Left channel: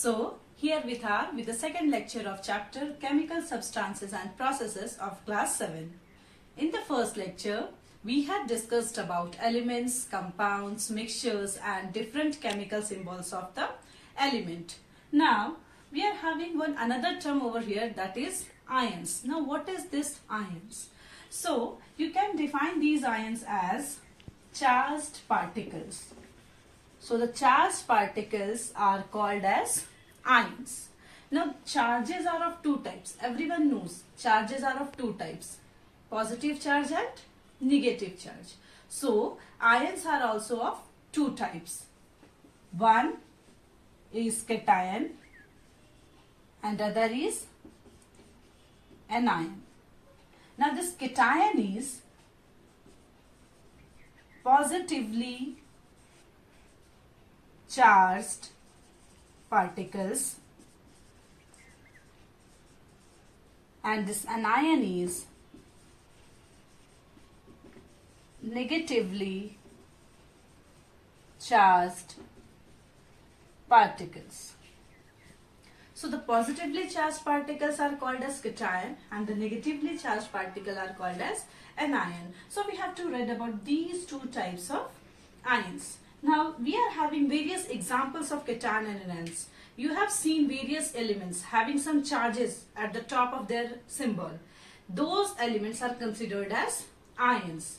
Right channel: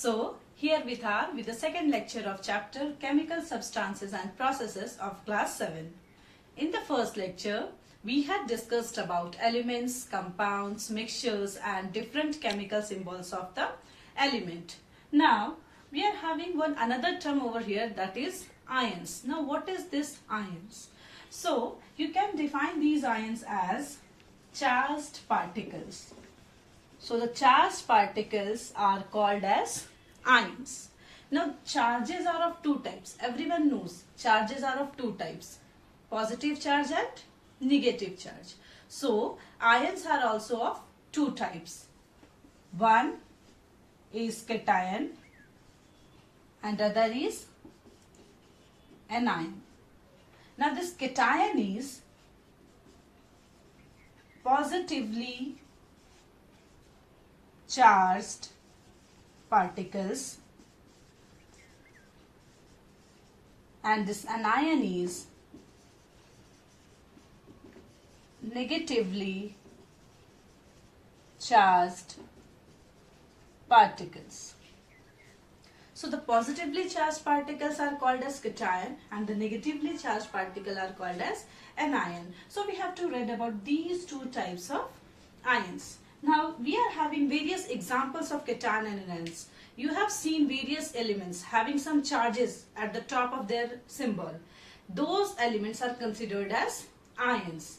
So, here we are with the second lecture of chapter Chemical Substances and Processes of class 7. In the first lecture, we had discussed about elements, compounds, mixtures and different chemical symbols of the element. Now, we are having another term over here, that is ions. Now, what is this ions? So, you can define these ions as charged particles. So the charged particles are called as ions. Now charges are of two types. Everyone knows charges are of two types. Positive charge and negative charge. So ions are also of two types. One is cation and other is anion. Now this cation is positively charged particles and this anion is negatively charged particles. So the positively charged particles are called as cation and the negatively charged particles are called as anion. So we have to read about these two types of ions. Now, we are having various examples of cation and anions. You have seen various elements having some charges at the top of their symbol. Those elements are considered as ions.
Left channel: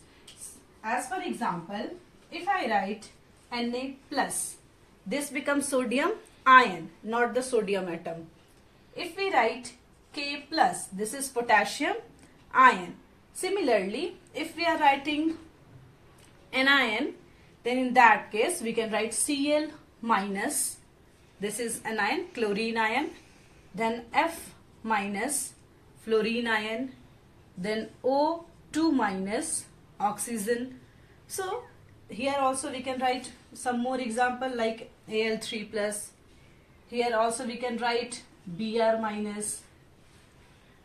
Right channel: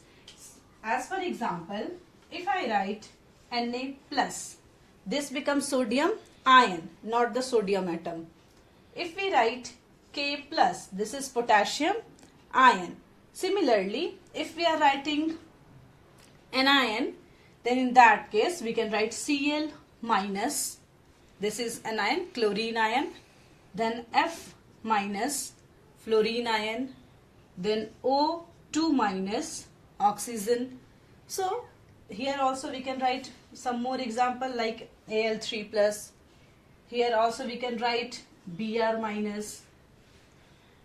As for example, if I write Na+, this becomes sodium ion, not the sodium atom. If we write K+, this is potassium ion. Similarly, if we are writing anion, then in that case we can write Cl-, this is anion, chlorine ion, then F-, fluorine ion, then O2-, oxygen. So here also we can write some more example like Al3+. Here also we can write Br-.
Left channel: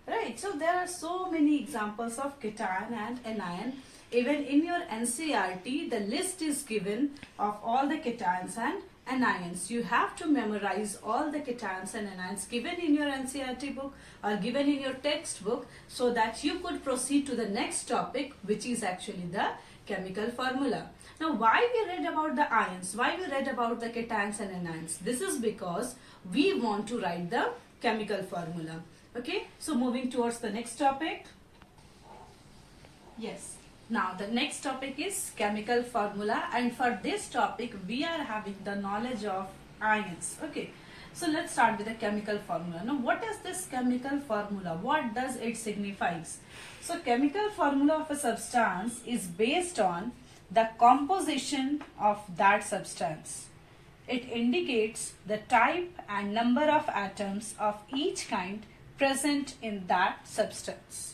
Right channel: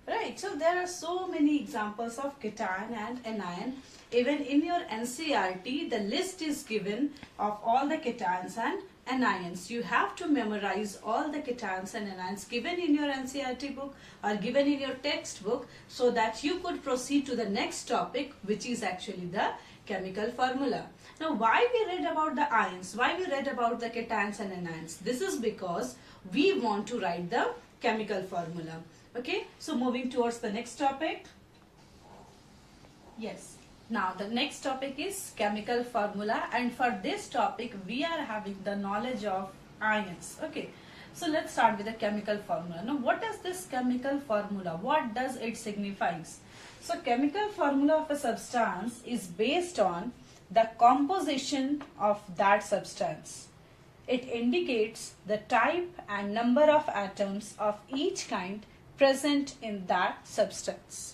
Right, so there are so many examples of cation and anion. Even in your NCERT, the list is given of all the cations and anions. You have to memorize all the cations and anions given in your NCERT book or given in your textbook so that you could proceed to the next topic, which is actually the chemical formula. Now, why we read about the ions? Why we read about the cations and anions? This is because we want to write the chemical formula. Okay, so moving towards the next topic. Yes. Now the next topic is chemical formula, and for this topic we are having the knowledge of ions. Okay, so let's start with the chemical formula. Now what is this chemical formula? What does it signifies? So chemical formula of a substance is based on the composition of that substance. It indicates the type and number of atoms of each kind present in that substance.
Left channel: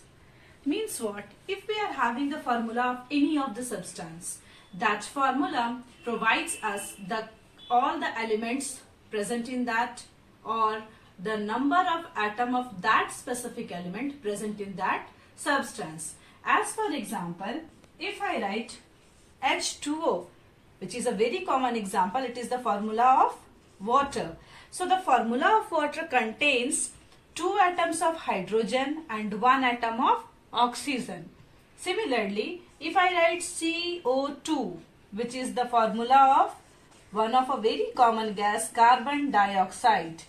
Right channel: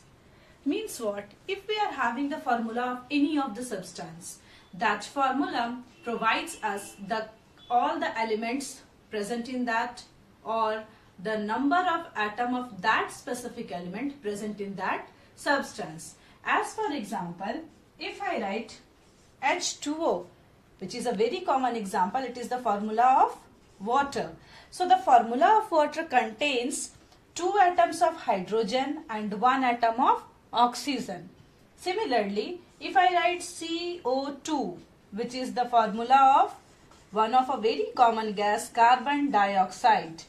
Means what? If we are having the formula of any of the substance, that formula provides us all the elements present in that or the number of atom of that specific element present in that substance. As for example, if I write H2O, which is a very common example, it is the formula of water. So the formula of water contains 2 atoms of hydrogen and 1 atom of oxygen. Similarly, if I write CO2, which is the formula of one of a very common gas, carbon dioxide.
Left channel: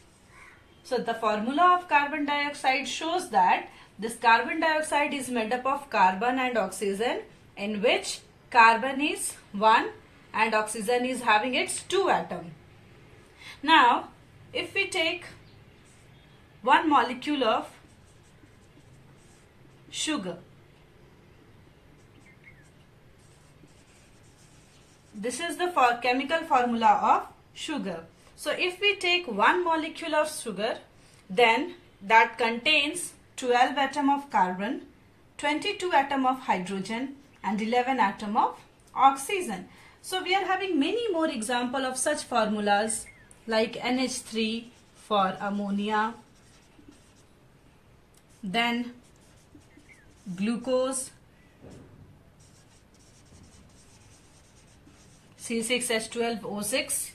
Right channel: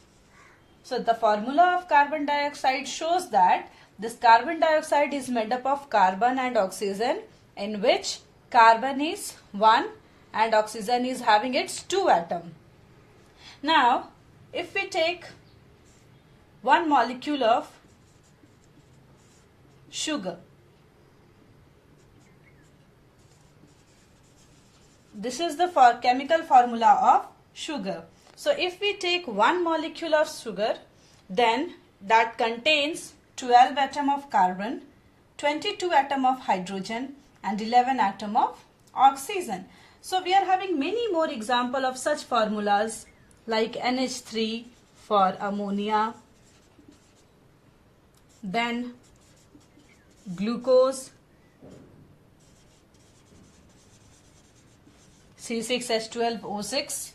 So the formula of carbon dioxide shows that this carbon dioxide is made up of carbon and oxygen, in which carbon is 1 and oxygen is having its 2 atom. Now, if we take one molecule of sugar. This is the chemical formula of sugar. So if we take one molecule of sugar, then that contains 12 atom of carbon, 22 atom of hydrogen and 11 atom of oxygen. So we are having many more examples of such formulas like NH3 for ammonia, then glucose, C6H12O6,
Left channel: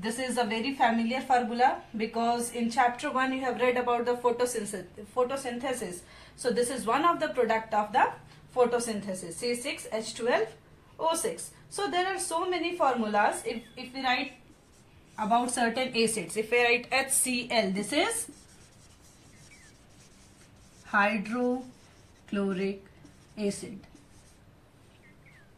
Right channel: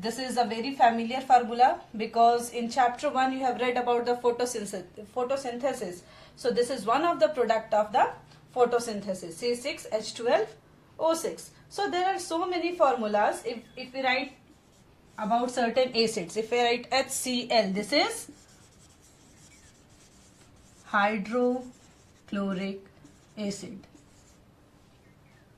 This is a very familiar formula because in chapter 1 you have read about the photosynthesis. So this is one of the product of the photosynthesis, C6H12O6. So there are so many formulas. If we write about certain acids, if we write HCl, this is hydrochloric acid,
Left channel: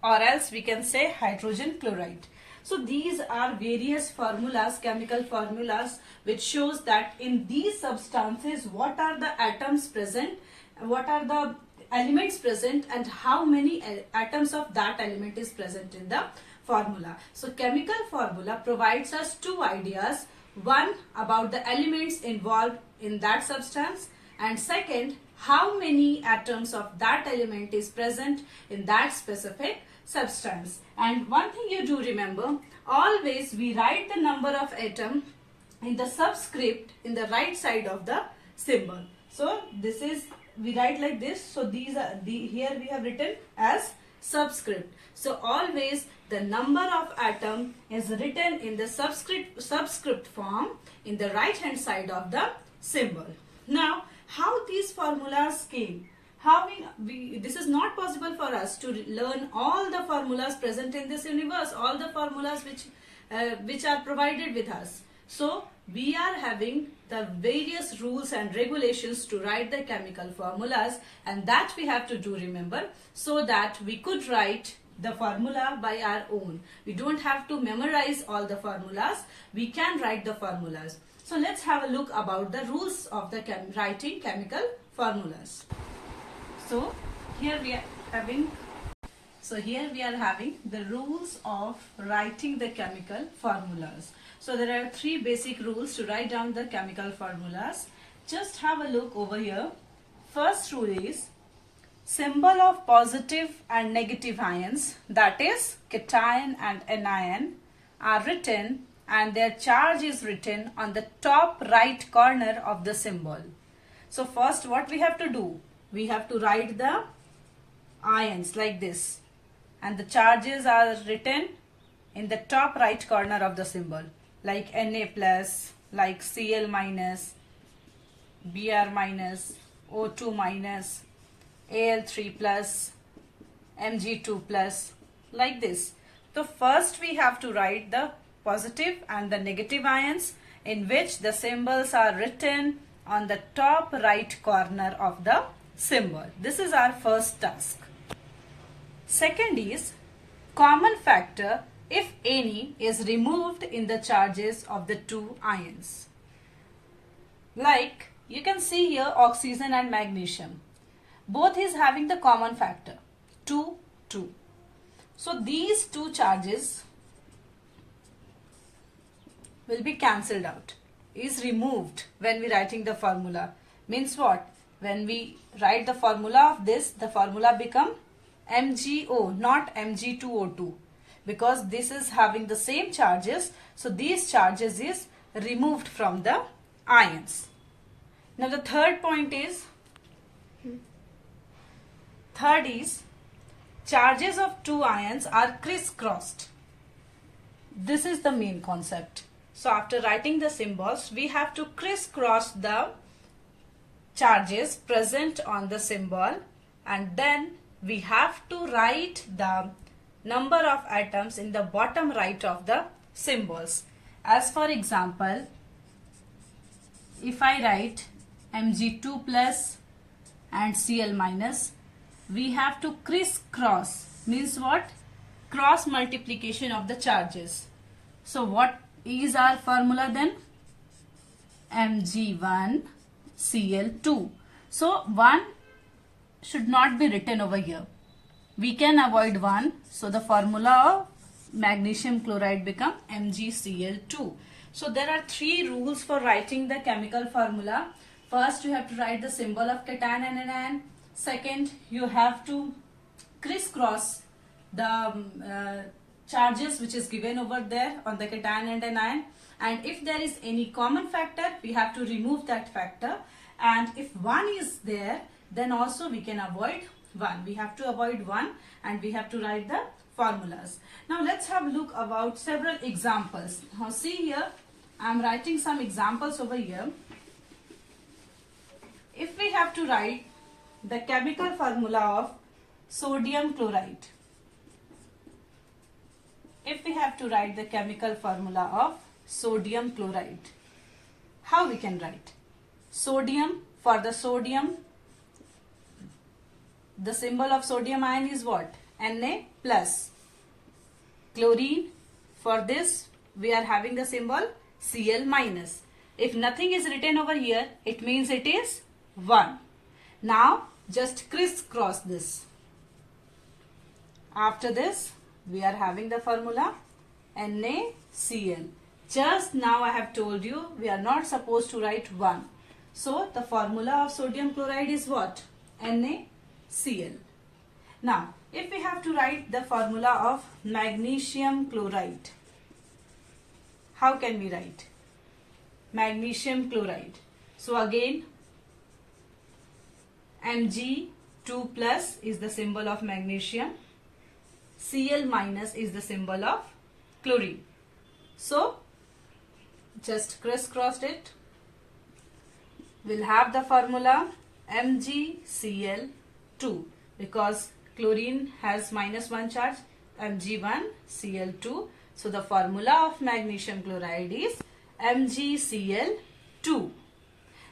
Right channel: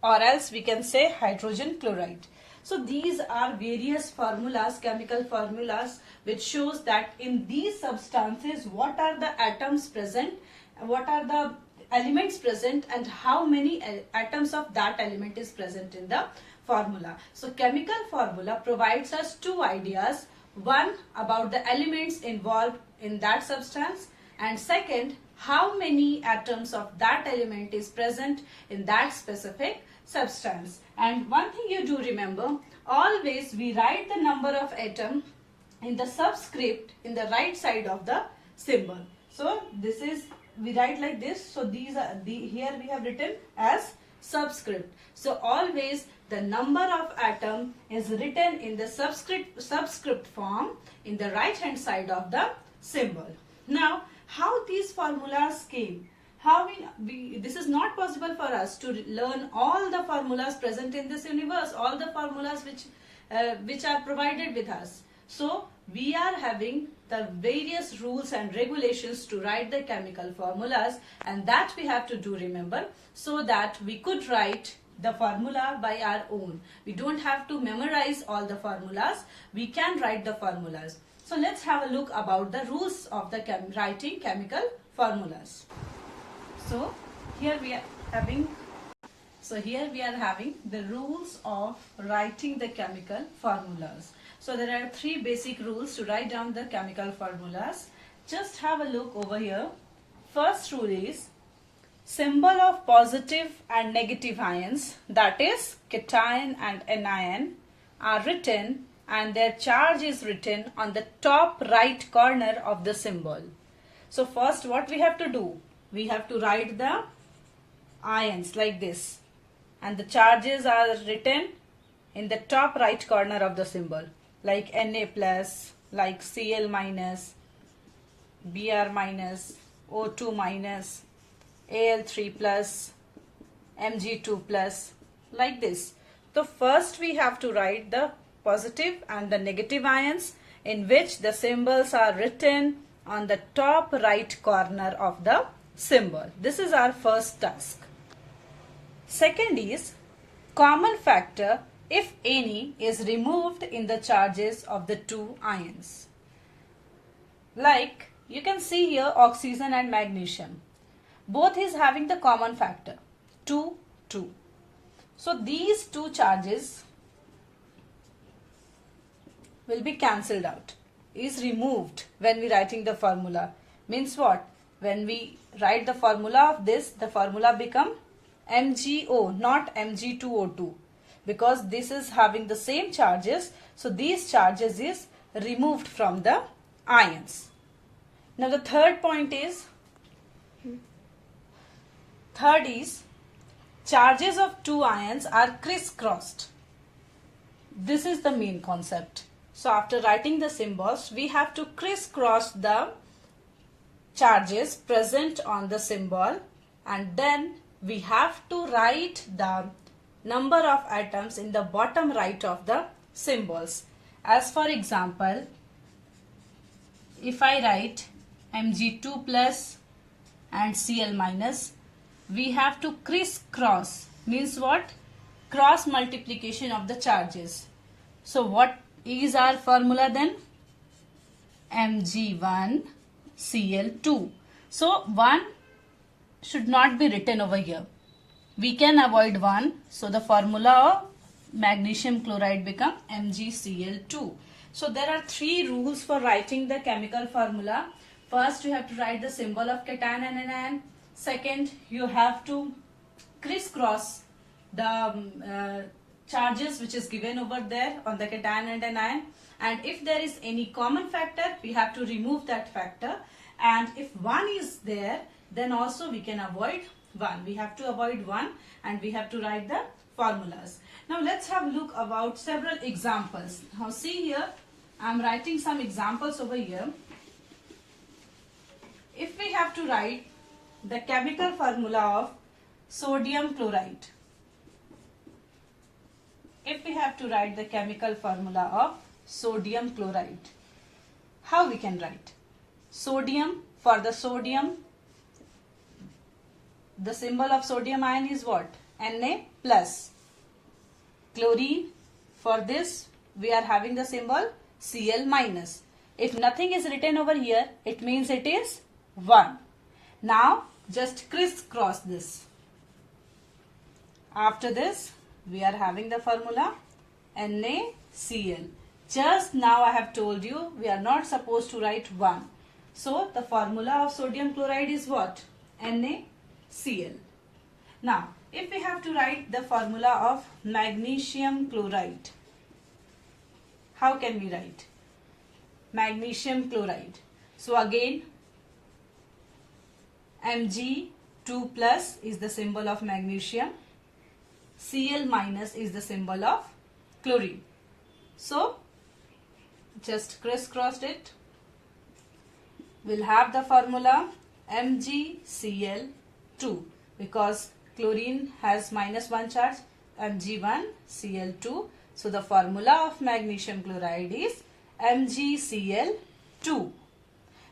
or else we can say hydrogen chloride. So these are various formulas, chemical formulas, which shows that in these substances what are the atoms present, what are the elements present, and how many atoms of that element is present in the formula. So chemical formula provides us two ideas. One, about the elements involved in that substance, and second, how many atoms of that element is present in that specific substance. And one thing you do remember, always we write the number of atom in the subscript in the right side of the symbol. So this is, we write like this. So these are here we have written as subscript. So always the number of atom is written in the subscript form in the right hand side of the symbol. Now, how these formulas came? How this is not possible for us to learn all the formulas present in this universe, all the formulas which are provided with us. So we are having the various rules and regulations to write the chemical formulas, and that we have to do remember, so that we could write the formula by our own. We don't have to memorize all the formulas. We can write the formulas. So let's have a look about the rules of the writing chemical formulas. So here we are having the rules of writing the chemical formulas. So there are three basic rules to write down the chemical formulas. Just have a look over here. First rule is symbol of positive and negative ions, that is cation and anion, are written and their charge is written on the top right corner of the symbol. So first what we have to do? We have to write the ions like this, and the charges are written in the top right corner of the symbol, like Na plus, like Cl minus, Br minus, O2 minus, Al3 plus, Mg2 plus, like this. So first we have to write the positive and the negative ions, in which the symbols are written on the top right corner of the symbol. This is our first task. Second is common factor, if any, is removed in the charges of the two ions. Like you can see here, oxygen and magnesium, both is having the common factor 2, 2. So these two charges will be cancelled out, is removed when we writing the formula. Means what? When we write the formula of this, the formula become MgO, not Mg2O2, because this is having the same charges. So these charges is removed from the ions. Now the third point is, charges of two ions are crisscrossed. This is the main concept. So after writing the symbols, we have to crisscross the charges present on the symbol, and then we have to write the number of atoms in the bottom right of the symbols. As for example, if I write Mg2 plus and Cl minus, we have to crisscross. Means what? Cross multiplication of the charges. So what is our formula then? Mg1 Cl2. So 1 should not be written over here. We can avoid 1. So the formula of magnesium chloride become MgCl2. So there are three rules for writing the chemical formula. First, you have to write the symbol of cation and anion. Second, you have to crisscross the charges which is given over there on the cation and anion. And if there is any common factor, we have to remove that factor. And if 1 is there, then also we can avoid 1. We have to avoid 1 and we have to write the formulas. Now let's have a look about several examples. Now see here, I am writing some examples over here. If we have to write the chemical formula of sodium chloride, if we have to write the chemical formula of sodium chloride, how we can write? Sodium, for the sodium, the symbol of sodium ion is what? Na plus. Chlorine, for this we are having the symbol Cl minus. If nothing is written over here, it means it is 1. Now just crisscross this. After this we are having the formula NaCl. Just now I have told you we are not supposed to write 1. So the formula of sodium chloride is what? NaCl. Now if we have to write the formula of magnesium chloride, how can we write? Magnesium chloride. So again Mg2 plus is the symbol of magnesium. Cl minus is the symbol of chlorine. So just crisscross it. We'll have the formula MgCl2 because chlorine has -1 charge, Mg1 Cl2. So the formula of magnesium chloride is MgCl2.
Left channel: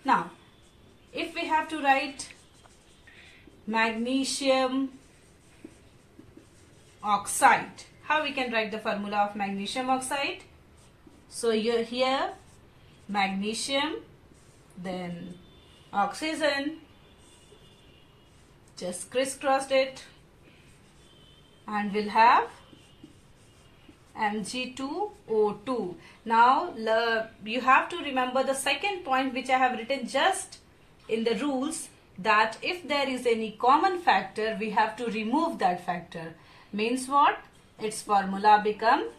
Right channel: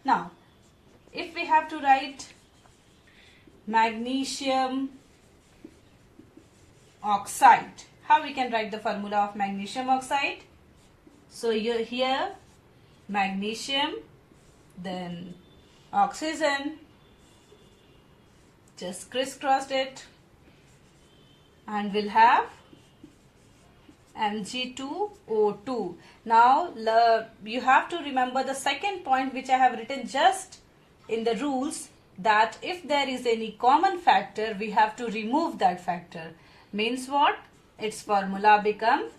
Now if we have to write magnesium oxide, how we can write the formula of magnesium oxide? So here magnesium, then oxygen, just crisscross it, and we'll have Mg2O2. Now you have to remember the second point which I have written just in the rules, that if there is any common factor, we have to remove that factor. Means what? Its formula become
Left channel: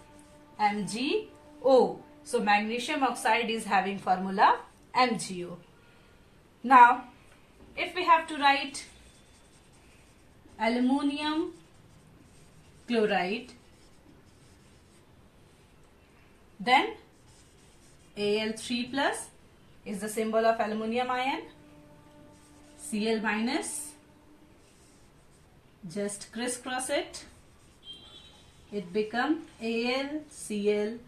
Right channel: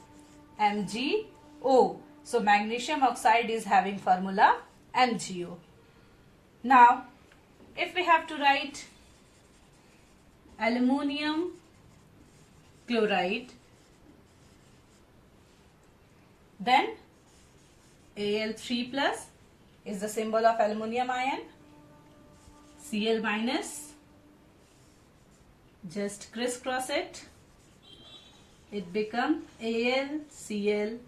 MgO. So magnesium oxide is having formula MgO. Now if we have to write aluminum chloride, then Al3 plus is the symbol of aluminum ion. Cl minus, just crisscross it, it become AlCl3.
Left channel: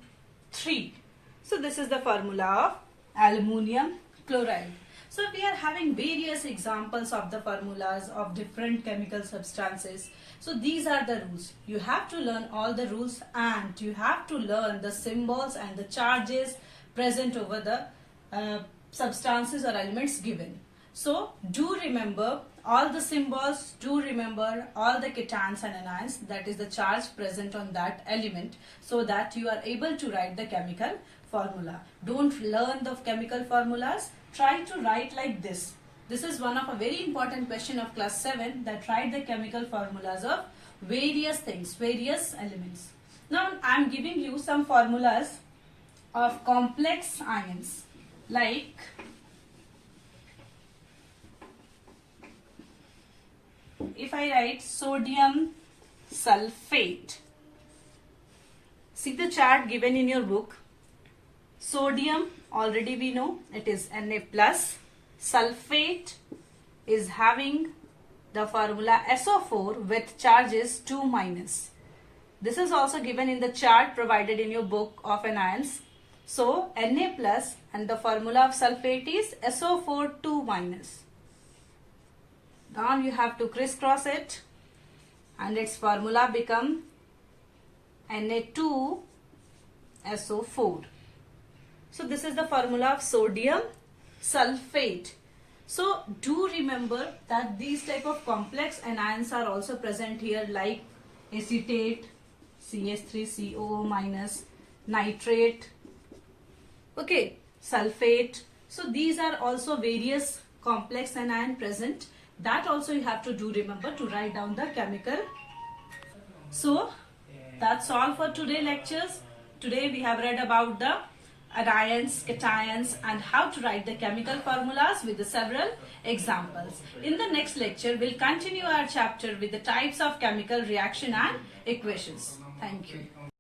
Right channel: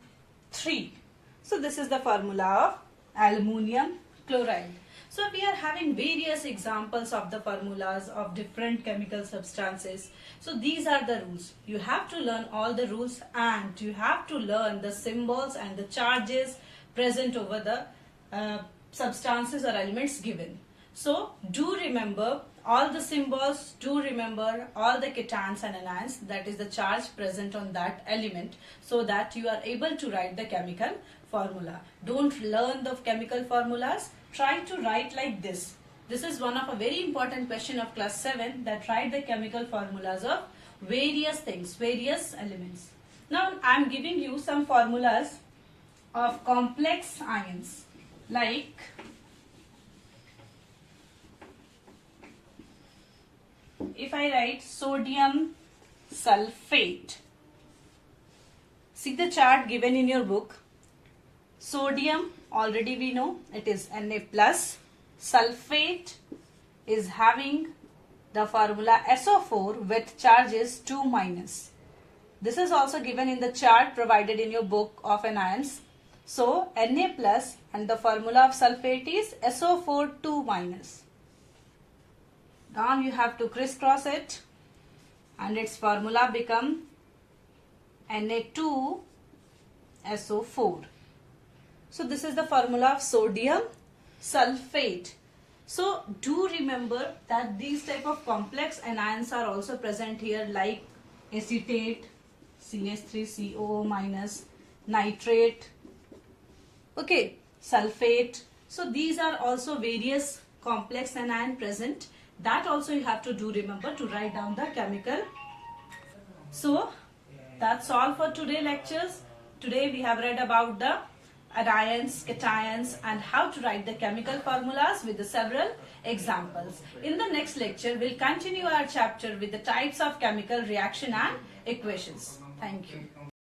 So this is the formula of aluminum chloride. So we are having various examples of the formulas of different chemical substances. So these are the rules. You have to learn all the rules, and you have to learn the symbols and the charges present over the substances or elements given. So do remember all the symbols, do remember all the cations and anions, that is the charge present on that element, so that you are able to write the chemical formula. Don't learn the chemical formulas, try to write like this. This is one of a very important question of class 7, that write the chemical formulas of various things, various elements. Now I am giving you some formulas of complex ions, like if I write sodium sulfate, see the chart given in your book. Sodium, already we know it is Na plus. Sulfate is having the formula SO4 with charges 2 minus. This is also given in the chart provided in your book of anions. So Na plus, and the formula of sulfate is SO4 2 minus. Now you have to crisscross it, and its formula become Na2SO4. So this is the formula of sodium sulfate. So do remember that these type of complex anions are also present here, like acetate, CH3COO minus, nitrate, okay, sulfate. So these are also various complex anion present. That also you have to do remember to write down the chemical. So that's all for today lectures. Today we have read about the anions, cations, and how to write the chemical formulas with the several examples. In the next lecture, we'll continue our chapter with the types of chemical reaction and equations. Thank you.